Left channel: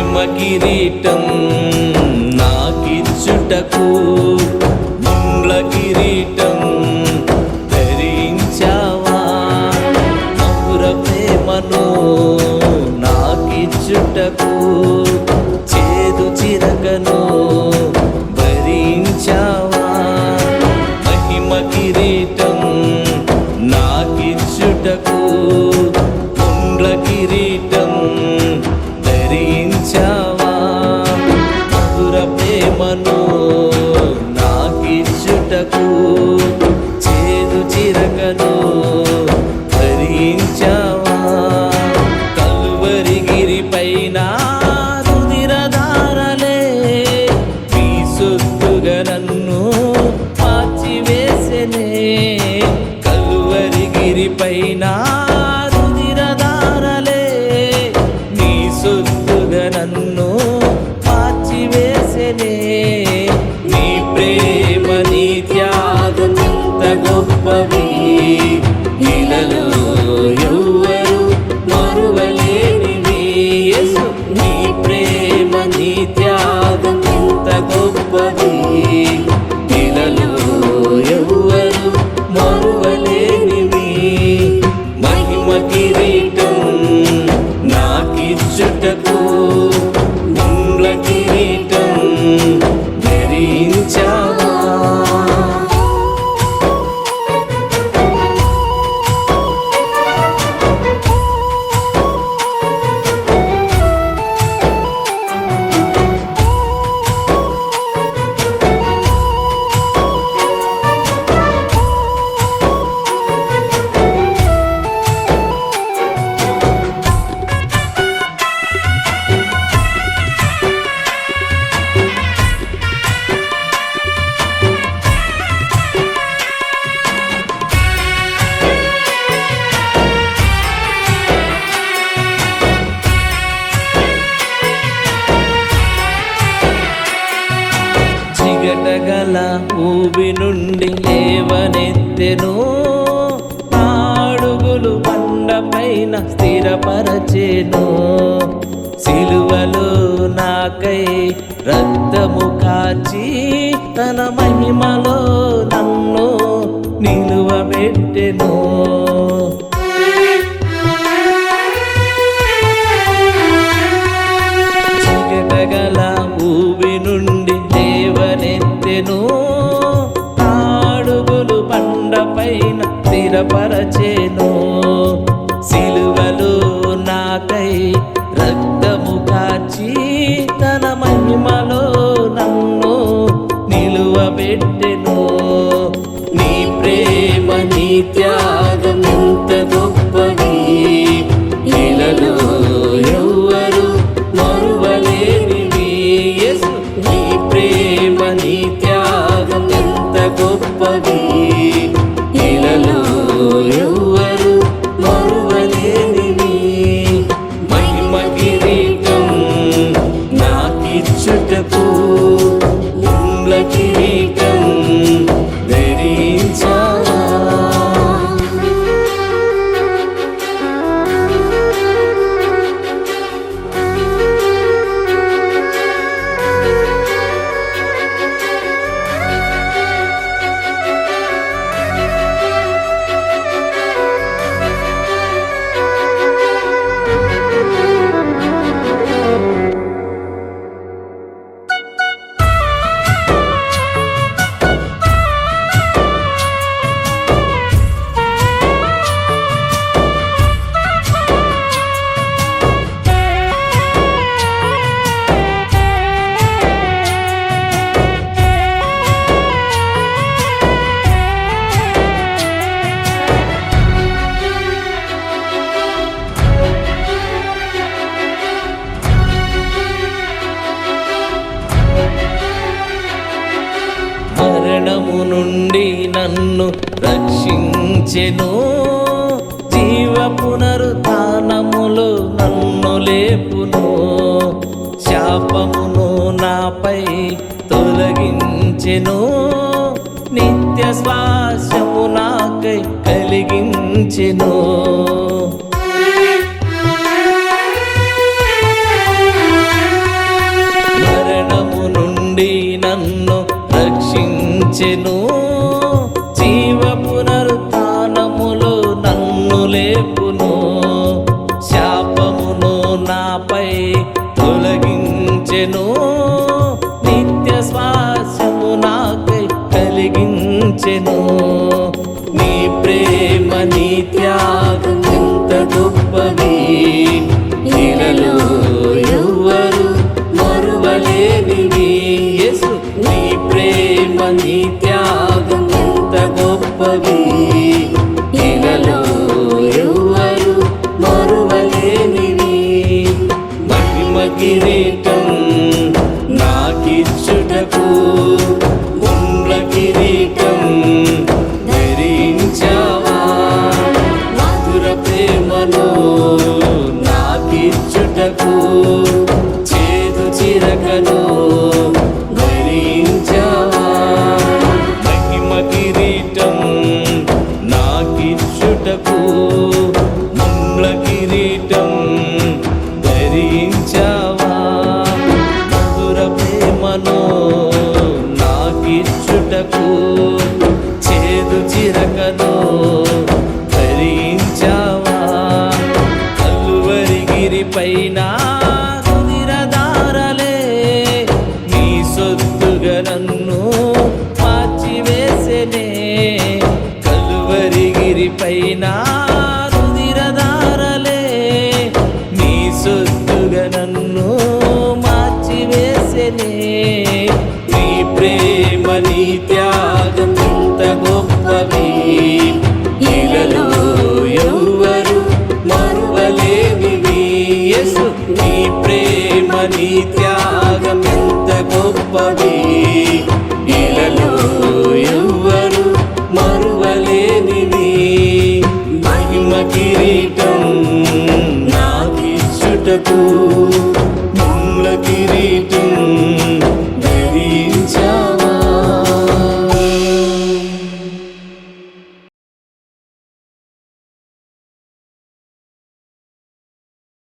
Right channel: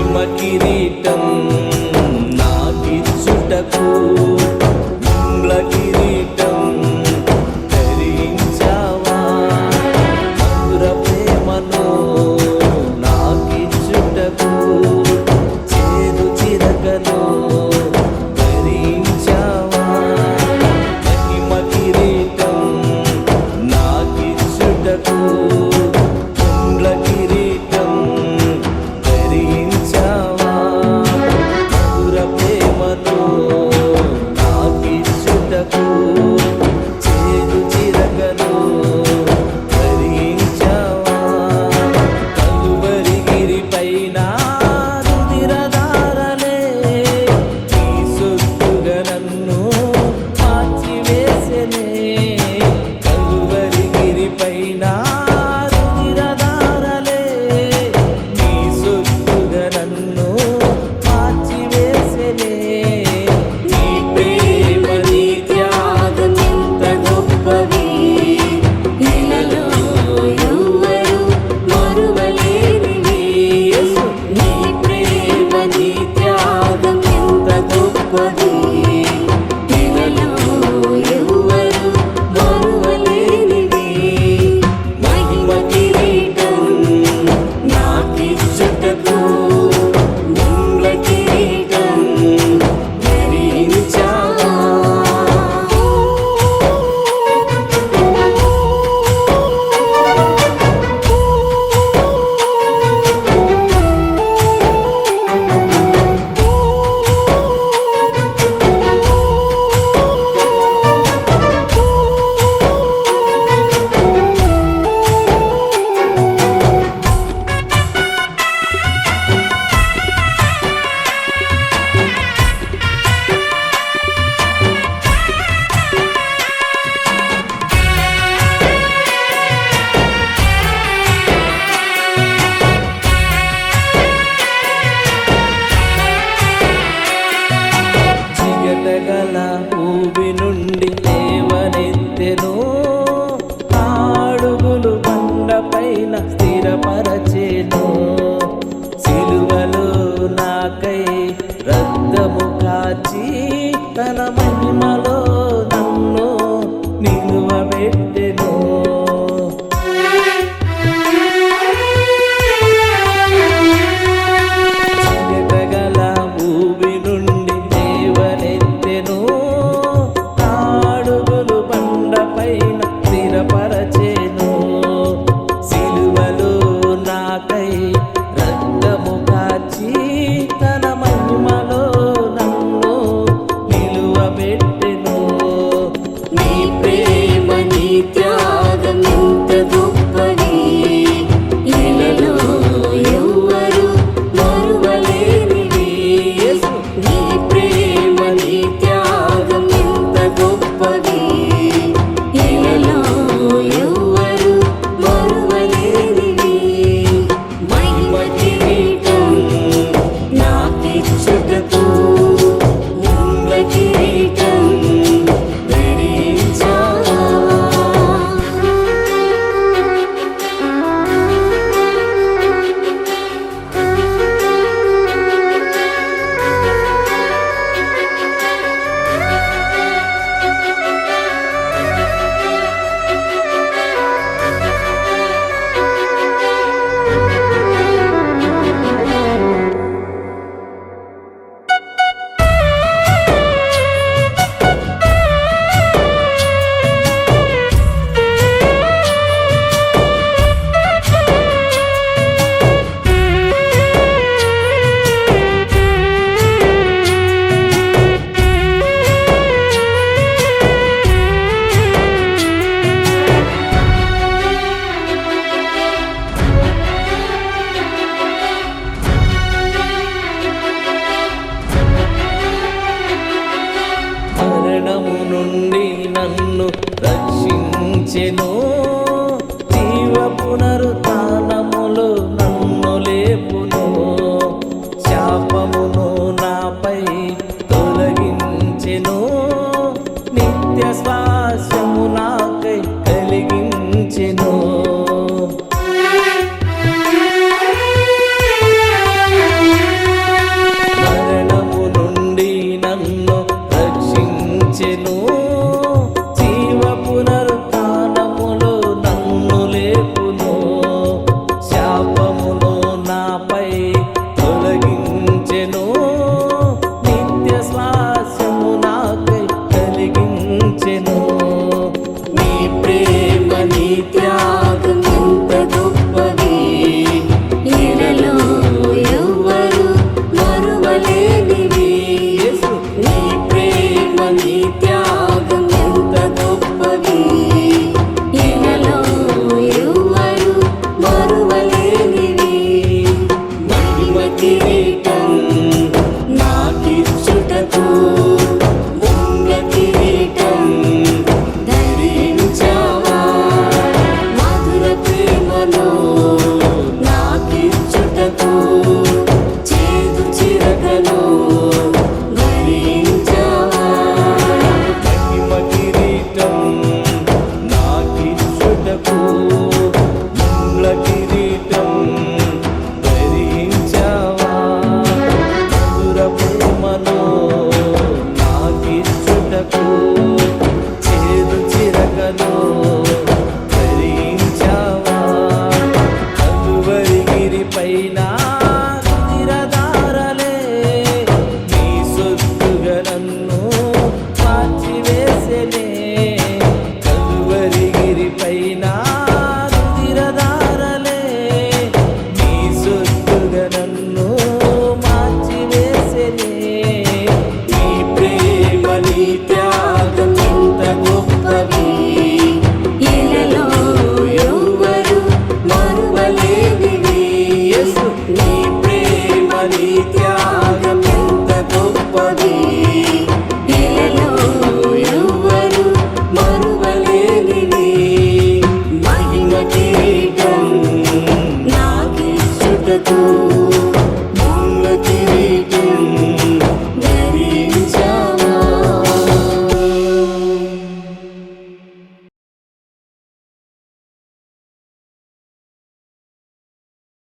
మహిమ కిరీటం నాకిచ్చుటకు ముండ్ల కిరీటం ధరించావా మధుర ప్రేమను నాకిచ్చుటకు చేదు చిరకను భరించావా మహిమ కిరీటం నాకిచ్చుటకు ముండ్ల కిరీటం ధరించావా మధుర ప్రేమను నాకిచ్చుటకు చేదు చిరకను ధరించావా కలువరి గిరిపైన రుధిరధారలే నీ సొత్తుగా నన్ను మార్చివేసెనే కలువరి గిరిపైన రుధిరధారలే నీ సొత్తుగా నన్ను మార్చివేసెనే నీ ప్రేమ నీ త్యాగం ఎంత గొప్పవి ఇలలో ఎవ్వరు మరువలేనివి యేసు నీ ప్రేమ నీ త్యాగం ఎంత గొప్పవి ఇలలో ఎవ్వరు మరువలేనివి మహిమ కిరీటం నాకిచ్చుటకు ముండ్ల కిరీటం ధరించావా గల ఊబి నుండి లేవనెత్తెను అడుగులు బండపైన స్థిరపరచెను సిలువలో నాకై రక్తము కాచి తన మహిమలో నన్ను నిలువబెట్టెను చిగటగల ఊబి నుండి లేవనెత్తెను అడుగులు బండపైన స్థిరపరచెను సిలువలో నాకై రక్తము కాచి తన మహిమలో నన్ను నిలువబెట్టెను నీ ప్రేమ నీ త్యాగం ఎంత గొప్పది ఇలలో ఎవ్వరు మరువలేనివి యేసు నీ ప్రేమ నీ త్యాగం ఎంత గొప్పది ఇలలో ఎవ్వరు మరువలేనివి మహిమ కిరీటం నాకిచ్చుటకు ముండ్ల కిరీటం ధరించావా మరణము నుండి నన్ను రక్షించెను జీవ పునరుత్థానములో నన్ను లేపును శాపమును నాపై తొలగించెను నిత్య శ్వాసము నాకై కలిగించెను రక్షించెను. జీవ పునరుత్థానములో నన్ను లేపును. శాపమును నాపై తొలగించెను. నిత్య స్వాస్యము నాకై కలిగించెను. నీ ప్రేమ నీ త్యాగం ఎంత గొప్పవి, ఇలలో ఎవ్వరు మరువలేనివి. యేసు నీ ప్రేమ నీ త్యాగం ఎంత గొప్పవి, ఇలలో ఎవ్వరు మరువలేనివి. మహిమ కిరీటం నాకిచ్చుటకు ముండ్ల కిరీటం ధరించావా. మధుర ప్రేమను నాకిచ్చుటకు చేదు చిరకను ధరించావా. మహిమ కిరీటం నాకిచ్చుటకు ముండ్ల కిరీటం ధరించావా. మధుర ప్రేమను నాకిచ్చుటకు చేదు చిరకను ధరించావా. కలువరి పైన రుధిరధారలే నీ సొత్తుగా నన్ను మార్చివేసెనే. కలువరి పైన రుధిరధారలే నీ సొత్తుగా నన్ను మార్చివేసెనే. నీ ప్రేమ నీ త్యాగం ఎంత గొప్పవి, ఇలలో ఎవ్వరు మరువలేనివి. యేసు నీ ప్రేమ నీ త్యాగం ఎంత గొప్పవి, ఇలలో ఎవ్వరు మరువలేనివి. మహిమ కిరీటం నాకిచ్చుటకు ముండ్ల కిరీటం